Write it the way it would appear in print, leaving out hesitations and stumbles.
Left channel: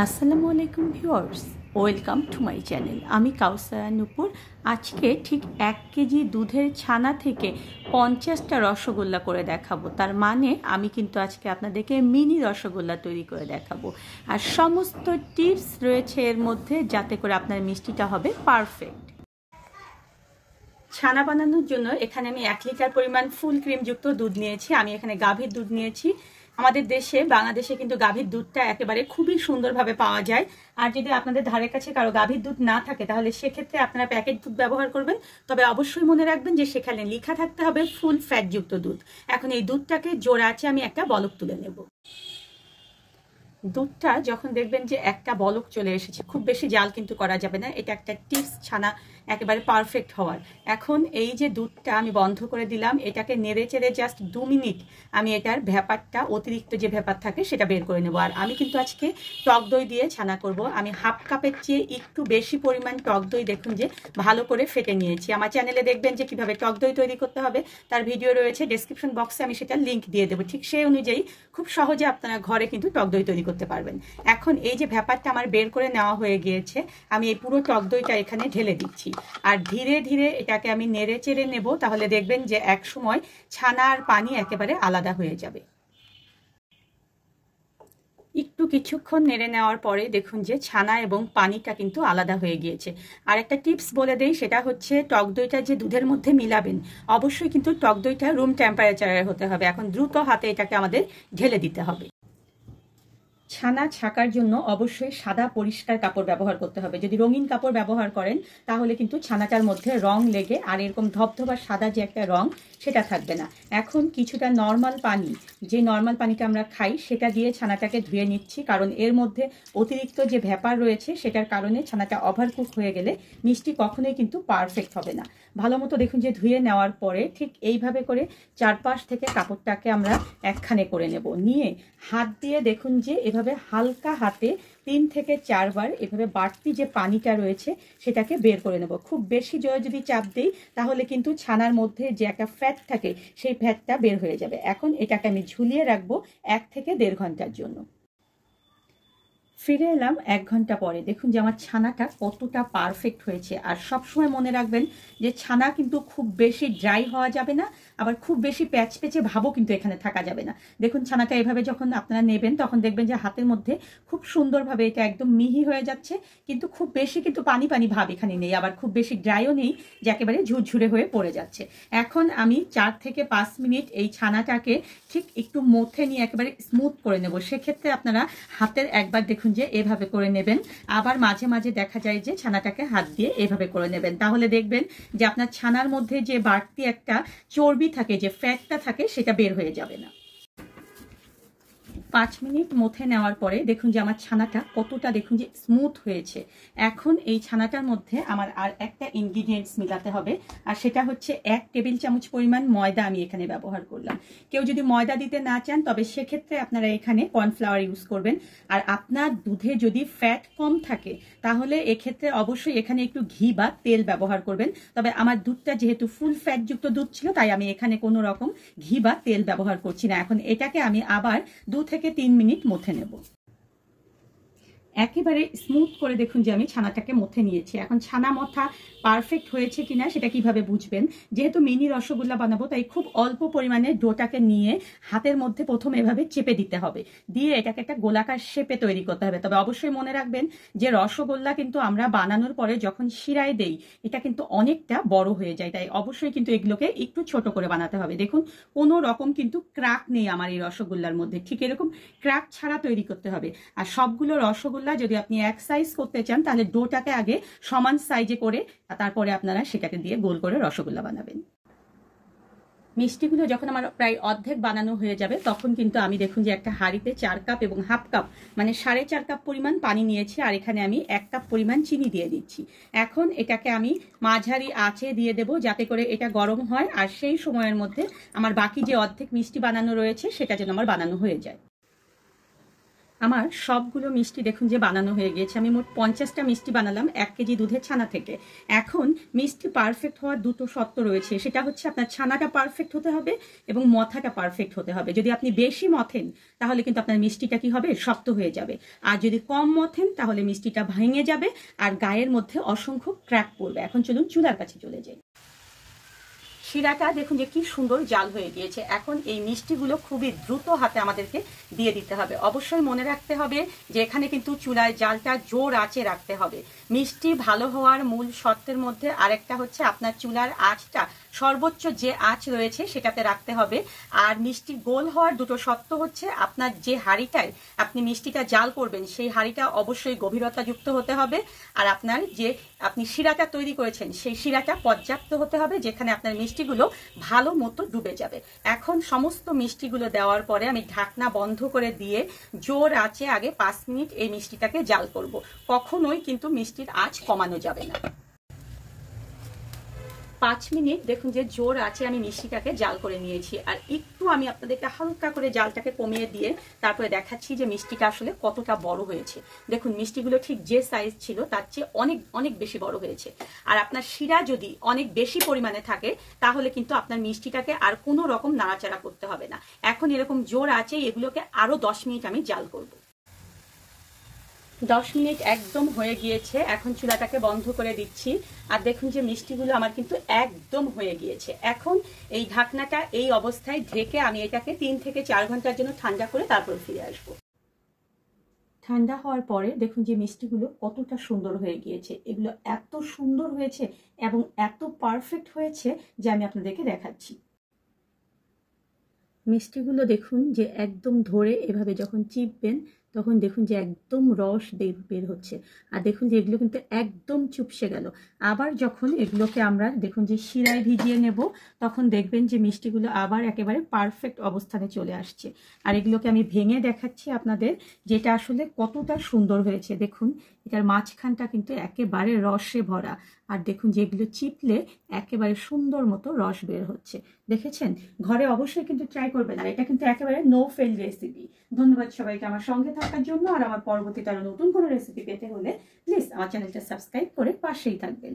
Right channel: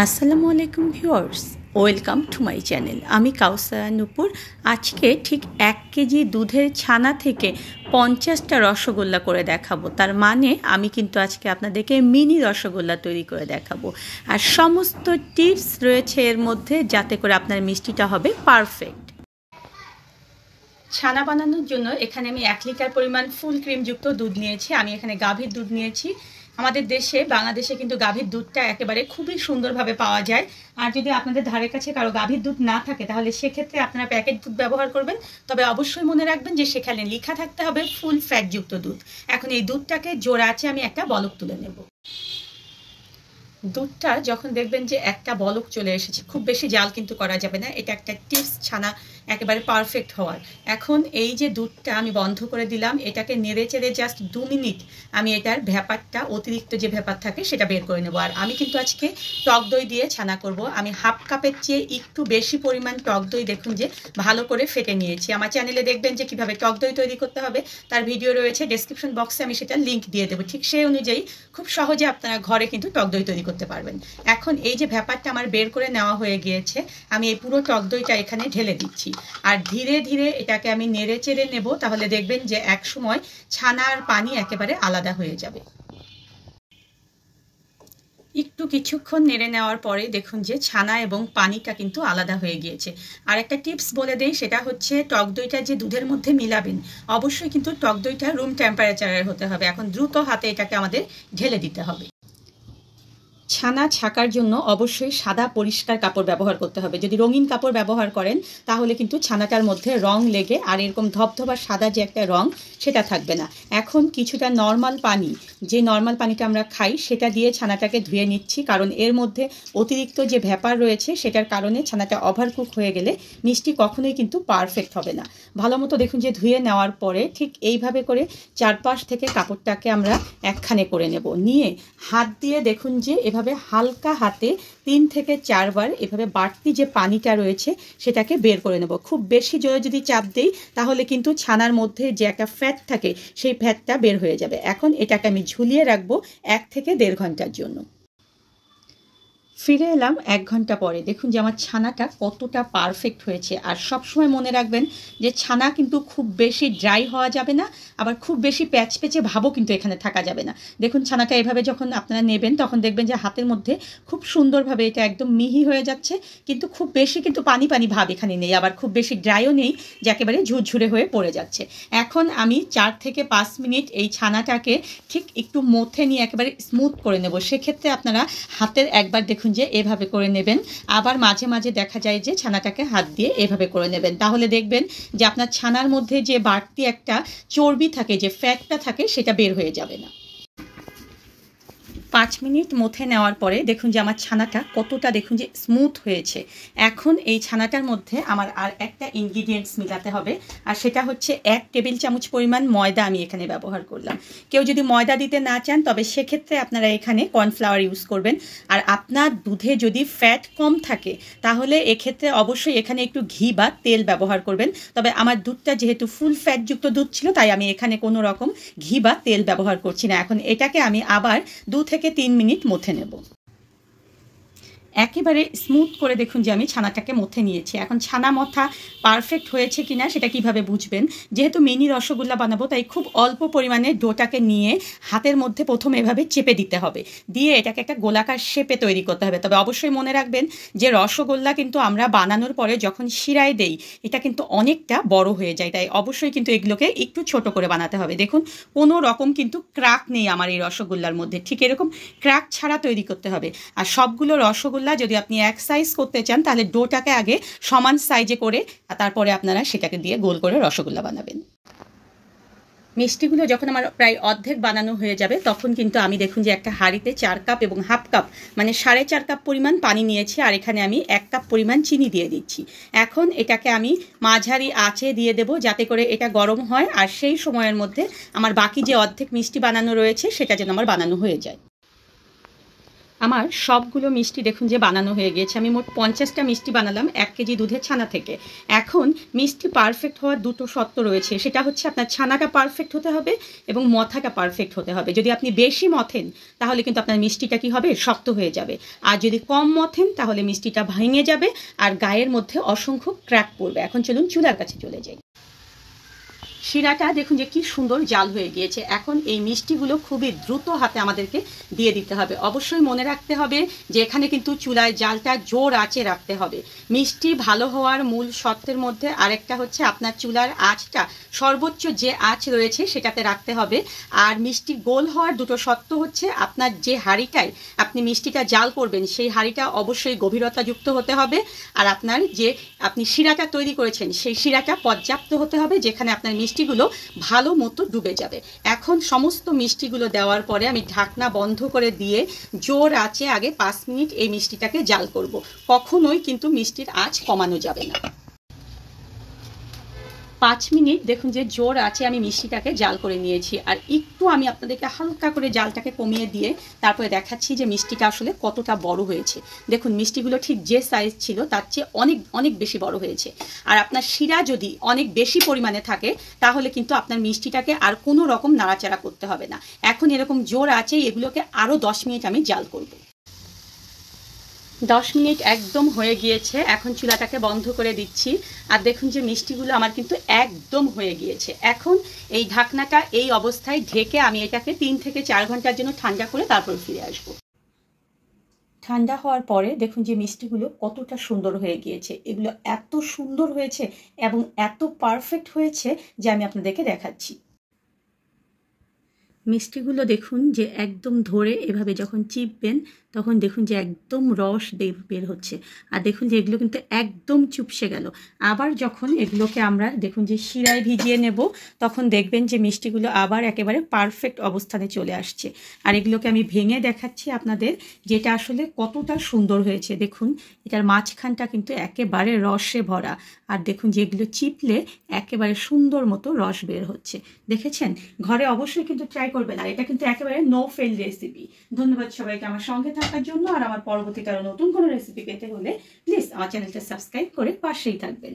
আসসালামু আলাইকুম viewers, welcome to my channel. আমি কাউসারা নূপুর। আজকে ঠিক 1 কেজি দুধের ছানা থেকে 50টা রসগোল্লা করে দেখাবো। তার মানে আমি কিন্তু আজকে আপনাদেরকে মিনি রসগোল্লা তৈরি করে দেখাবো, আর সমস্ত টিপস রয়েছে এর মধ্যে যাতে করে আপনার মিষ্টিটা হবে পারফেক্ট। ছানা বানানোর জন্য এখানে আমি 1 লিটার পরিমাণ ফুল ক্রিমযুক্ত দুধ নিয়েছি। আমি এখানে গাভীর দুধ নিয়েছি। আমাদের দেশে বাংলাদেশে কিন্তু গাভীর দুধটা একেবারে খুবই সুন্দরভাবে পাওয়া যায়। আর যদি আপনাদের ধারে কাছে কারো গাভীর দুধ না থাকে তাহলে সেক্ষেত্রে আপনারা প্যাকেট দুধ ব্যবহার করবেন। তবে অবশ্যই মনে রাখবেন যে সেখানে লেখা থাকতে হবে ফুল ফ্যাটযুক্ত দুধ। এখন এই দুধটাকে জোড়া আছে আমি একটা বলক তুলে নেব। দুধটা যখন দেখবেন যে একটা বলক চলে এসেছে, খুব বেশি জাল কিন্তু করা যাবে না, এটা একটা টিপস ছানা একেবারে পারফেক্ট হওয়ার। এখন এই যে দুধটা আমি বন্ধ করে দিলাম, এটাকে নেড়ে চেড়ে জাস্ট 2 মিনিট আমি এটার ভ্যাপারটা, অতিরিক্ত যে ভ্যাপার থাকে সেটা বের করে নেব। আর আমি কিন্তু আজকে টক দই দিয়ে ছানা করব। আমি হাফ কাপের চেয়ে একটু বেশি পরিমাণ টক দই দেখুন যে ভালো করে ফেটে নিয়েছি। আমার চ্যানেলে দেখবেন যে কিভাবে টক দই তৈরি করতে হবে, তার ভিডিও রয়েছে, ডেসক্রিপশন বক্সে আমি সেটা লিঙ্ক দিয়ে দেবো। ঠিক সেই অনুযায়ী খুব সহজে আপনারা ঘরে কিন্তু টক দই তৈরি করতে পারবেন। এখন এই যে ভ্যাপারটা আমার বের করে নেওয়া হয়ে গিয়েছে, আমি এই পুরো টক দইটা এখানে ঢেলে দিচ্ছি। আর ধীরে ধীরে এটাকে আমি নেড়ে চেড়ে নেব, তাহলে দেখবেন যে এক সময় ছানা আর পানি একেবারে আলাদা হয়ে যাবে। একটু কিছুক্ষণ নেড়ে নেওয়ার পরে দেখুন যে ছানা এবং পানিটা কিন্তু আলাদা হয়ে গিয়েছে। আর একটা টিপস বলে দেই, সেটা হচ্ছে টক দইটা যে দুধের মধ্যে মিলাবেন অবশ্যই কিন্তু টক দইটা রুম টেম্পারেচারের হতে হবে। এখন দ্রুত হাতে এটাকে আমাদের ঢেলে দিতে হবে। ছানা ছাকার জন্য অবশ্যই সাদা পরিষ্কার কাপড় ব্যবহার করতে হবে। যদি রঙিন কাপড় ব্যবহার করেন তাহলে কিন্তু ছানাটার মধ্যে রং লেগে আর এরকম ধবধবা সাদা যে একটা রং সেটা থাকবে না। এখন কিছুটা নর্মাল পানি, যে নর্মাল পানিটা আমরা খাই, সেটা দিয়ে ছানাটাকে ধুয়ে নিচ্ছি, কারণ এর মধ্যে অতিরিক্ত যে ভ্যাপার রয়েছে সেটার কারণে ছানাটা ওভারকুক হয়ে গেলে মিষ্টি কখনোই কিন্তু পারফেক্ট হবে না। ভালো মতো দেখুন যে ধুয়ে নেওয়ার পরে ঠিক এইভাবে করে চারপাশ থেকে কাপড়টাকে আমরা একখানে করে নেব। নিয়ে হাত দিয়ে দেখুন যে এভাবে হালকা হাতে 3 থেকে 4 বার এভাবে বাড়তি যে পানিটা রয়েছে সেটাকে বের করে নেব। খুব বেশি জোরে যদি চাপ দেই তাহলে কিন্তু ছানার মধ্যে যে একটা ফ্যাট থাকে সেই ফ্যাটটা বের হয়ে যাবে। এখন এটাকে আমি ঝুলিয়ে রাখবো 1 থেকে 1.5 ঘন্টার জন্য। ফিরে এলাম 1 ঘন্টা পরে। দেখুন যে আমার ছানাটা কতটা পারফেক্ট হয়েছে। আর সবসময় মনে রাখবেন যে ছানা কিন্তু খুব বেশি ড্রাই হওয়া যাবে না, আবার খুব বেশি প্যাচপেচে ভাবও কিন্তু এখানে থাকা যাবে না। দেখুন ছানাটা এভাবে যখন আপনারা নেবেন তখন দেখবেন যে হাতের মধ্যে খুব সুন্দরভাবে এটা একদম মিহি হয়ে যাচ্ছে, কিন্তু খুব বেশি কিন্তু পানি পানি ভাব এখানে নেই, আবার খুব বেশি ড্রাইও নেই যে একেবারে ঝুরঝুরে হয়ে পড়ে যাচ্ছে। এখন আমি 4 থেকে 5 মিনিট এই ছানাটাকে ঠিক একটু মথে নিয়ে একেবারে স্মুথ করে নেব। সেক্ষেত্রে আপনারা হাতের একবার দেখুন যে এভাবে করে নেবেন, আবার মাঝে মাঝে দেখা যায় যে ছানাটাকে হাত দিয়ে এভাবে করে নেবেন। তাহলে দেখবেন যে আপনার ছানার মধ্যে যে বাড়তি একটা চর্বি থাকে, যে ফ্যাটটা থাকে, সেটা বের হয়ে যাবে না। 5 মিনিট মথে নেওয়ার পরে দেখুন যে আমার ছানাটা কতটা দেখুন যে স্মুথ হয়েছে। এখন এই ছানাটার মধ্যে আমার আর একটা ইনগ্রিডিয়েন্টস মিলাতে হবে, আর সেটা হচ্ছে 1 টেবিল চামচ পরিমাণ ময়দা আমি এখানে ব্যবহার করলাম। কেউ যদি ময়দা দিতে না চান তবে সেক্ষেত্রে আপনারা এখানে কর্নফ্লাওয়ার ইউজ করবেন। আর আপনার দুধে যদি ফ্যাট কম থাকে তাহলে এক্ষেত্রে অবশ্যই এখানে একটু ঘি বা তেল ব্যবহার করবেন। তবে আমার দুধটা যেহেতু ফুল ফ্যাটযুক্ত দুধ ছিল তাই আমি এখানে কোনো রকম ঘি বা তেল ব্যবহার করছি না। এখন এটাকে আমি আবার 2 থেকে 3 মিনিট মথে নেব। একেবারে স্মুথ করে দেখুন যে আমি ছানাটাকে মথে নিয়েছি। এখন ছানা মথা পারফেক্ট হয়েছে কিনা সেটা কিভাবে বুঝবেন? যেহেতু মিনি রসগোল্লা বানাবো তাই খুব অল্প পরিমাণে ডোটাকে নিয়ে হাতের মধ্যে প্রথমে এভাবে চেপে দিতে হবে, দিয়ে এটাকে একটা গোলাকার শেপে তৈরি করতে হবে। তবে অবশ্যই মনে রাখবেন যে রসগোল্লা কিন্তু আমরা বানানোর পরে যখন শিরায় দেই এটা কিন্তু অনেকটা বড় হয়ে যায়, তাই অবশ্যই কিন্তু এগুলোকে একটু ছোট করে বানাতে হবে। দেখুন কোনো রকম কিন্তু ক্রাক নেই আমার এই রসগোল্লার মধ্যে, ঠিক এরকম ক্রাক ছাড়া তৈরি করতে হবে। আর সবগুলো রসগোল্লা যদি আপনি এক সাইজ করতে চান তাহলে ডোটাকে আগে সমান সাইজে করে তারপরে আপনারা সেটাকে দিয়ে গোল করে রসগোল্লা বানাবেন। মিষ্টিগুলো যখন আমার প্রায় অর্ধেক বানানো হয়ে যাবে তখন কিন্তু আমি দেখুন যে একটা হাঁড়িতে 4 কাপ এবং হাফ কাপ মানে 4.5 কাপ পরিমাণ পানি নিয়েছি, আর এখানে আমি 1 কাপ পরিমাণ চিনি দিয়ে দিচ্ছি। এখন এটাকে আমি মাঝারি আঁচে দিয়ে দেব যাতে করে এটা গরম হয়, আর সেই সময়ের মধ্যে আমার বাকি যে অর্ধেক মিষ্টি বানানো রয়েছে সেটা যেন আমার বানানো হয়ে যায়। আমার সবগুলো মিষ্টি দেখুন যে বানানো হয়ে গিয়েছে। আমি মোট 50টা মিষ্টি বানালাম 1 কেজি দুধের ছানা থেকে। এখন মিষ্টি পারফেক্ট হওয়ার দুটো শর্ত রয়েছে, সেটা হচ্ছে আপনার ছানাটা পারফেক্ট হতে হবে এবং মথাটা পারফেক্ট হতে হবে। যদি আপনি বেশি মথেন তাহলে কিন্তু আপনার মিষ্টিটা কি হবে, শক্ত হয়ে যাবে। আর যদি কম মথেন তাহলে মিষ্টিটা ভেঙে যাবে আর গায়ের মধ্যে অসংখ্য ক্র্যাক পড়বে। এখন চলুন চুলার কাছে চলে যাই। শিরাটা দেখুন যে কি সুন্দর জাল হয়ে গিয়েছে। এখন এই মিষ্টিগুলো খুবই দ্রুত হাতে আমাদেরকে দিয়ে দিতে হবে। অবশ্যই মনে রাখতে হবে যে এখানে কিন্তু চুলায় জালটা জোর আঁচে রাখতে হবে। মিষ্টি ভালো হওয়ার মূল শর্তের মধ্যে আরেকটা হচ্ছে আপনার চুলার আঁচটা সর্বোচ্চ যে আঁচ রয়েছে সেটাতে রাখতে হবে। আর মিষ্টি গোল হওয়ার দুটো শর্ত হচ্ছে আপনার যে হাঁড়িটায় আপনি মিষ্টিটা জাল করবেন সেই হাঁড়িটা অবশ্যই গভীরতাযুক্ত হতে হবে। আর আপনার যে আপনি শিরাটা তৈরি করেছেন সেই শিরাটা পর্যাপ্ত হতে হবে, যেখানে আপনার মিষ্টিগুলো ভালো মতো ডুবে যাবে। এখন সমস্ত মিষ্টিগুলো দেওয়ার পরে আমি ঢাকনা বন্ধ করে দিয়ে জোর আঁচে আগে 5 মিনিট এই মিষ্টিটাকে জাল করব। কখনোই কিন্তু মিষ্টির আঁচ কমানো যাবে না। 5 মিনিট দেখুন যে জোর আছে আমি মিষ্টিটাকে জাল করে নিয়েছি। আর একটু আমি আপনাদেরকে হালকা করে জালটাকে কমিয়ে দিয়ে তারপরে দেখাচ্ছি যে মিষ্টিটা আসলে কতটা বড় হয়েছে। দেখুন মিষ্টিগুলো ঠিক যে সাইজ ছিল তার চেয়ে অনেক অনেক বেশি বড় হয়েছে। আর আপনার শিরা যদি অনেক বেশি পরিমাণে থাকে তাহলে কিন্তু আপনার মিষ্টিটাকে আর কোনো রকম নাড়াচাড়া করতে হবে না। এখন এরকম জোর আছে, এগুলোকে আরও 10 মিনিট আমি জাল করব। 10 মিনিট একদম হয়ে গিয়েছে। এখন চুলাটাকে বন্ধ করে দিচ্ছি। আর দেখুন যে মিষ্টিগুলো আমার কিন্তু একদম হয়ে গিয়েছে। এখন এই ঢাকনাটা এই অবস্থায় ঢেকে আমি এটাকে 3 থেকে 4 ঘন্টার জন্য ঠান্ডা করে তারপর ফিরে আসব। ঠান্ডা হওয়ার পরে দেখুন যে মিষ্টিগুলো কতটা সুন্দর হয়ে গিয়েছে। এগুলো এত সুন্দর হয়েছে এবং এত পারফেক্ট হয়েছে যে আমি আপনাদেরকে দেখাচ্ছি। মিষ্টিগুলো দেখুন যে একদম ধরে এভাবে যখন চিপবেন তখন দেখুন যে একদম রস বের হচ্ছে। আর দেখুন যে এগুলো কিন্তু একদম চুপসে গেল। আবার যখন এগুলোকে আমরা দেখুন যে শিরায় ভিজিয়ে নেব তখন দেখবেন যে মিষ্টিগুলো আবার একেবারে পারফেক্ট অবস্থানে চলে আসছে। আর এগুলোকে আমি ভেঙে দেখাচ্ছি আপনাদের যেটা আসলে কতটা সুন্দর হয়েছে। দেখুন এটার মাঝখানটা কিন্তু একেবারে রসে ভরা। আর দেখুন যে এগুলো চিপলে একেবারে সুন্দর মতো রস বের হচ্ছে। দেখেছেন? ঘরে অবশ্যই কিন্তু ট্রাই করবেন। আর এটা কিন্তু একেবারে নো ফেল রেসিপি। ধন্যবাদ সবাইকে আমার সঙ্গে থাকার জন্য। আর আমার পরবর্তীতে আরো নতুন কোনো রেসিপি পেতে হলে প্লিজ আমার চ্যানেলটা সাবস্ক্রাইব করে পাশেই থাকবেন।